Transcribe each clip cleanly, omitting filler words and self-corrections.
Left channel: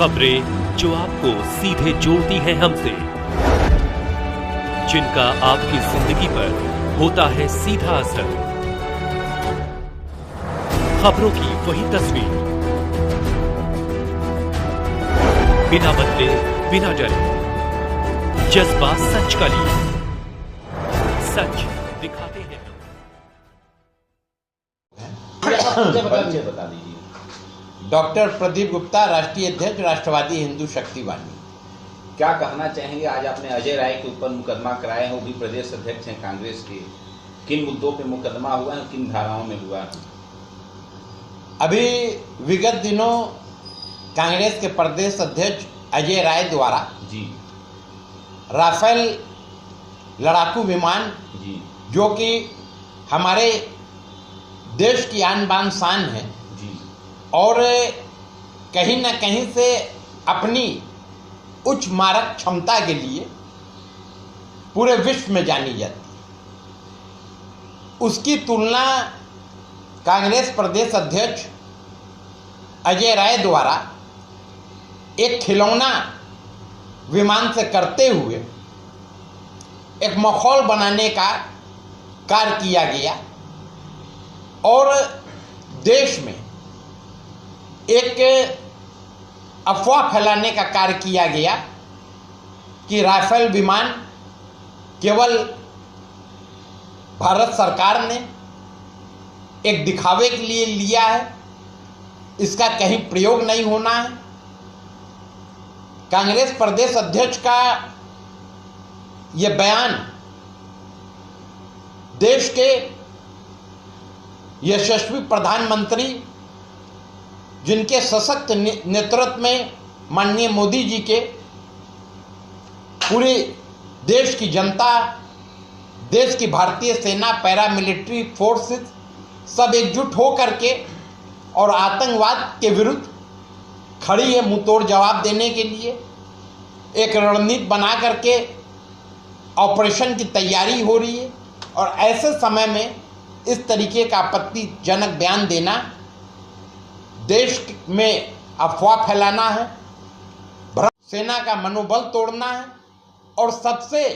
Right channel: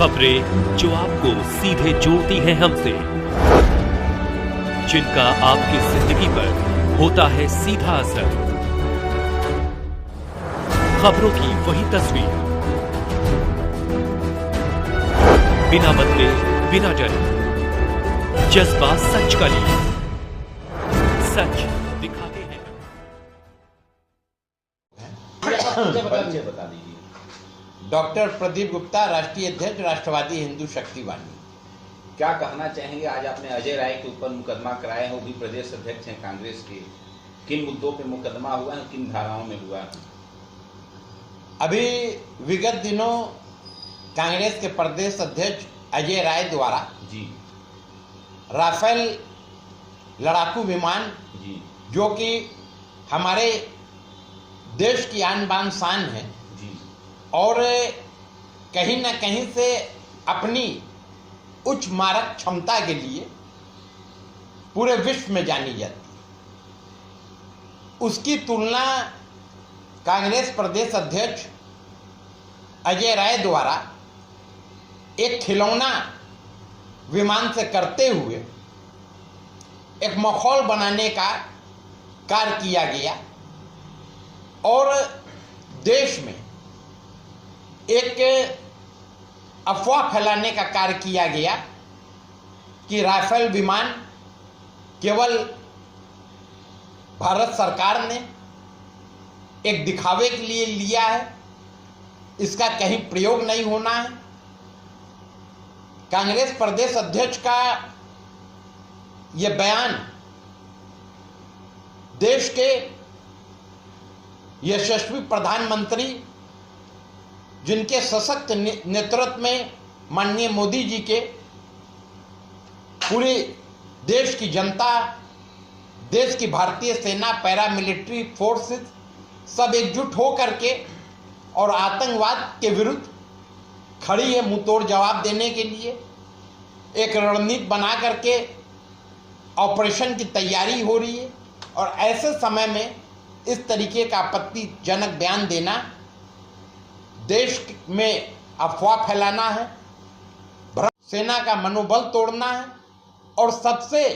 खबरें जो आपको सीधे जोड़ती हैं हमसे, जिनका आपकी जिंदगी पर होता है सीधा असर। खबरों की वही तस्वीर, बिना बदले बिना डरे, जज्बा सच का लिए, सच दिखाते हैं। बता दीजिए। डॉक्टर प्रदीप गुप्ता, राष्ट्रीय अध्यक्ष, राष्ट्रवादी हिंदू शक्ति वाहिनी। क्या कहना चाहेंगे? आज आपने अजय राय के ऊपर मुकदमा कराए हैं, वो भी प्रदेश अध्यक्ष हैं कांग्रेस के। किन मुद्दों पे मुकदमा हुआ है, किन धाराओं में हुआ है? अभी विगत दिनों कांग्रेस के प्रदेश अध्यक्ष अजय राय द्वारा जी राफेल लड़ाकू विमान, जी जो कि हमारे देश की आन बान शान है जी और कहीं न कहीं से अपनी उच्च मारक क्षमता के लिए पूरे विश्व में जानी जाती है, उसकी तुलना कांग्रेस प्रदेश अध्यक्ष अजय राय द्वारा एक खिलौना विमान से करते हुए एक माहौल बनाने का कार्य किया गया और देश में एक अफवाह फैलाने का कार्य किया गया कि राफेल विमान केवल भारत सरकार ने एक दिखावे के लिए लिया है, इसका कहीं प्रयोग नहीं होना है। कांग्रेस प्रदेश अध्यक्ष का ये बयान देश के यशस्वी प्रधानमंत्री, जिनके सशक्त नेतृत्व में माननीय मोदी जी के पूरे देश की जनता, देश की भारतीय सेना, पैरामिलिट्री फोर्सेस सब एकजुट हो करके और आतंकवाद के विरुद्ध खड़ी है मुंहतोड़ जवाब देने के लिए। एक रणनीति बना करके ऑपरेशन की तैयारी हो रही है और ऐसे समय में इस तरीके का आपत्तिजनक बयान देना देश में अफवाह फैलाना है, सेना का मनोबल तोड़ना है। और सबसे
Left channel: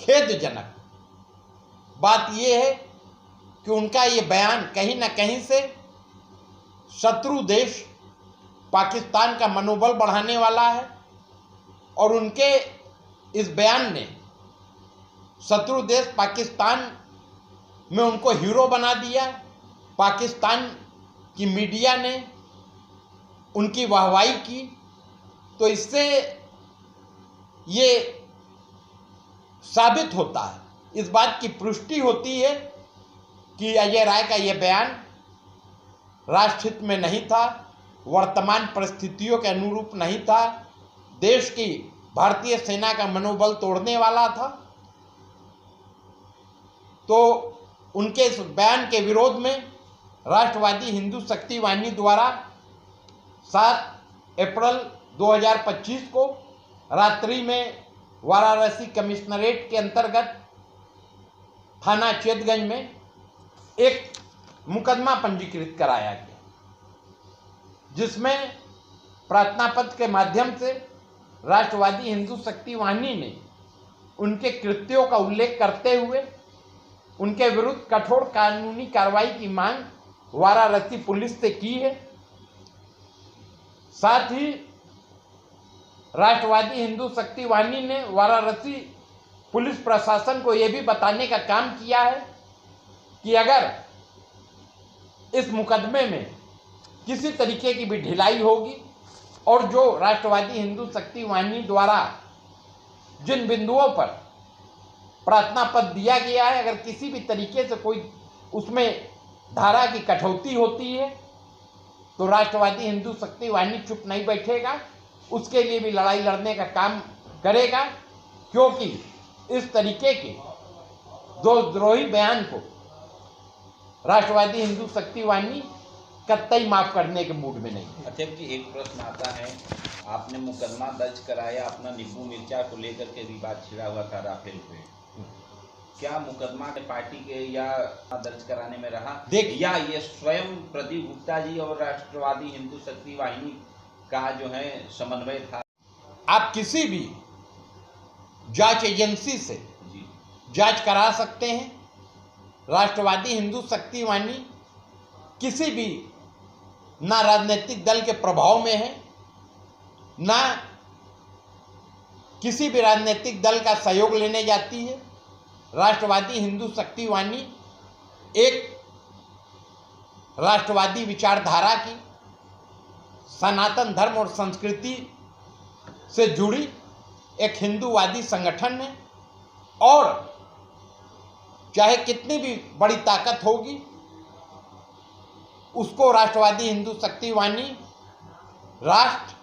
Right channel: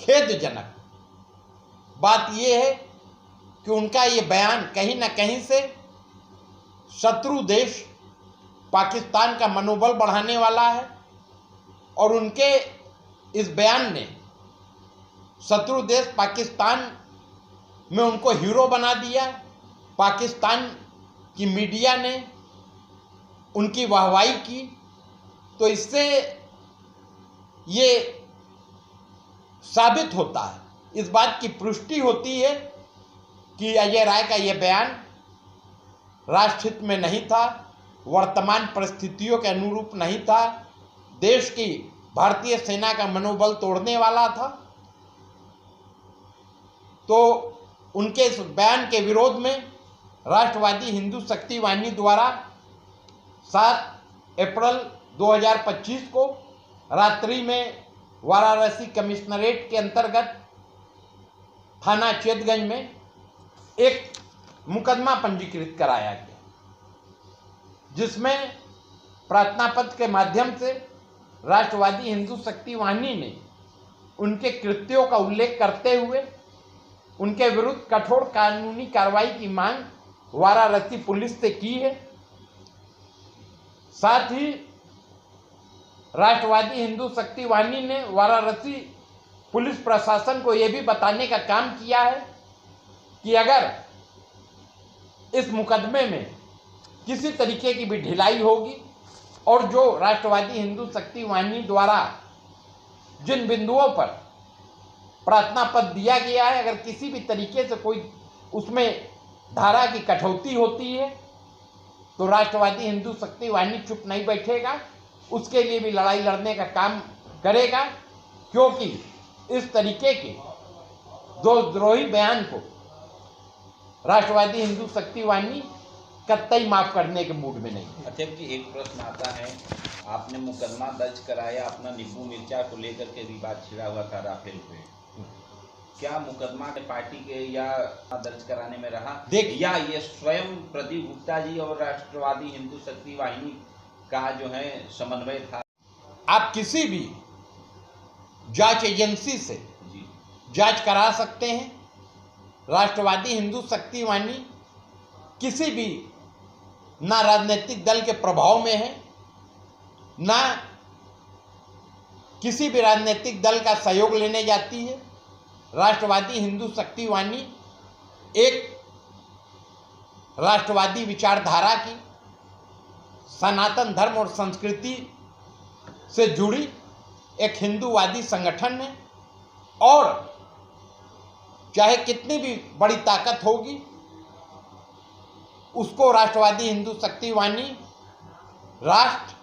खेदजनक बात यह है कि उनका ये बयान कहीं ना कहीं से शत्रु देश पाकिस्तान का मनोबल बढ़ाने वाला है और उनके इस बयान ने शत्रु देश पाकिस्तान में उनको हीरो बना दिया। पाकिस्तान की मीडिया ने उनकी वाहवाही की, तो इससे ये साबित होता है, इस बात की पुष्टि होती है कि अजय राय का ये बयान राष्ट्रहित में नहीं था, वर्तमान परिस्थितियों के अनुरूप नहीं था, देश की भारतीय सेना का मनोबल तोड़ने वाला था। तो उनके इस बयान के विरोध में राष्ट्रवादी हिंदू शक्ति वाहिनी द्वारा 7 अप्रैल 2025 को रात्रि में वाराणसी कमिश्नरेट के अंतर्गत थाना चेतगंज में एक मुकदमा पंजीकृत कराया गया, जिसमें प्रार्थना पत्र के माध्यम से राष्ट्रवादी हिंदू शक्ति वाहिनी ने उनके कृत्यों का उल्लेख करते हुए उनके विरुद्ध कठोर कानूनी कार्रवाई की मांग वाराणसी पुलिस से की है। साथ ही राष्ट्रवादी हिंदू शक्ति वाहिनी ने वाराणसी पुलिस प्रशासन को यह भी बताने का काम किया है कि अगर इस मुकदमे में किसी तरीके की भी ढिलाई होगी और जो राष्ट्रवादी हिंदू शक्ति वाहिनी द्वारा जिन बिंदुओं पर प्रार्थना पत्र दिया गया है, अगर किसी भी तरीके से कोई उसमें धारा की कटौती होती है तो राष्ट्रवादी हिंदू शक्ति वाहिनी चुप नहीं बैठेगा, उसके लिए भी लड़ाई लड़ने का काम करेगा, क्योंकि इस तरीके के देशद्रोही बयान को राष्ट्रवादी हिंदू शक्ति वाहिनी कतई माफ करने के मूड में नहीं है। अध्यक्ष जी, एक प्रश्न आता है, आपने मुकदमा दर्ज कराया, अपना नींबू मिर्चा को लेकर के विवाद छिड़ा हुआ था राफेल पे, क्या मुकदमा पार्टी के या दर्ज कराने में रहा या ये स्वयं प्रदीप गुप्ता जी और राष्ट्रवादी हिंदू शक्ति वाहिनी का जो है समन्वय था। आप किसी भी जांच एजेंसी से जी जांच करा सकते हैं। राष्ट्रवादी हिंदू शक्ति वाहिनी किसी भी ना राजनीतिक दल के प्रभाव में है, ना किसी भी राजनीतिक दल का सहयोग लेने जाती है। राष्ट्रवादी हिंदू शक्ति वाहिनी एक राष्ट्रवादी विचारधारा की, सनातन धर्म और संस्कृति से जुड़ी एक हिंदूवादी संगठन है और चाहे कितनी भी बड़ी ताकत होगी उसको राष्ट्रवादी हिंदू शक्ति वाहिनी राष्ट्र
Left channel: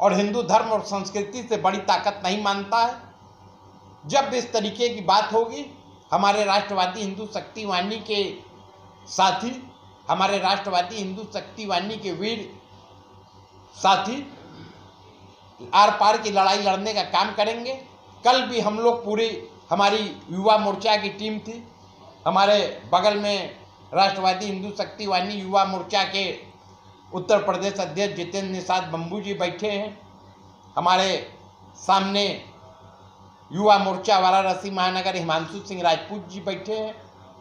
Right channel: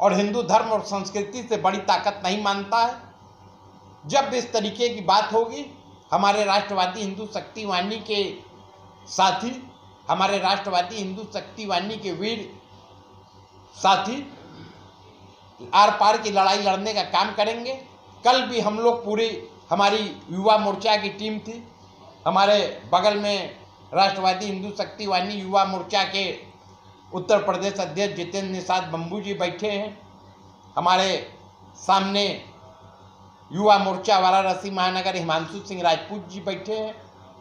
और हिंदू धर्म और संस्कृति से बड़ी ताकत नहीं मानता है। जब भी इस तरीके की बात होगी, हमारे राष्ट्रवादी हिंदू शक्ति वाहिनी के साथी, हमारे राष्ट्रवादी हिंदू शक्ति वाहिनी के वीर साथी आर पार की लड़ाई लड़ने का काम करेंगे। कल भी हम लोग पूरी हमारी युवा मोर्चा की टीम थी, हमारे बगल में राष्ट्रवादी हिंदू शक्ति वाहिनी युवा मोर्चा के उत्तर प्रदेश अध्यक्ष जितेंद्र निषाद बम्बू जी बैठे हैं, हमारे सामने युवा मोर्चा वाराणसी महानगर हिमांशु सिंह राजपूत जी बैठे हैं,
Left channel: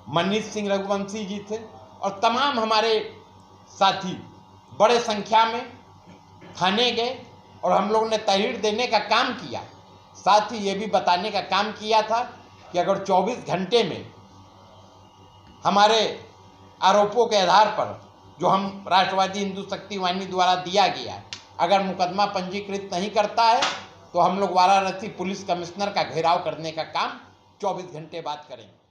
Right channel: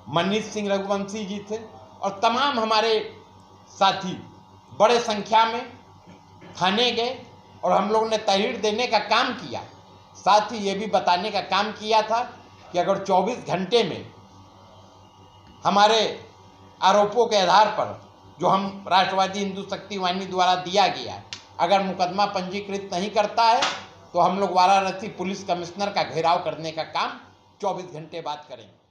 मनीष सिंह रघुवंशी जी थे और तमाम हमारे साथी बड़े संख्या में थाने गए और हम लोगों ने तहरीर देने का काम किया। साथ ही ये भी बताने का काम किया था कि अगर 24 घंटे में हमारे आरोपों के आधार पर जो हम राष्ट्रवादी हिंदू शक्ति वाहिनी द्वारा दिया गया, अगर मुकदमा पंजीकृत नहीं करता है तो हम लोग वाराणसी पुलिस कमिश्नर का घेराव करने का काम 24 घंटे बाद करेंगे।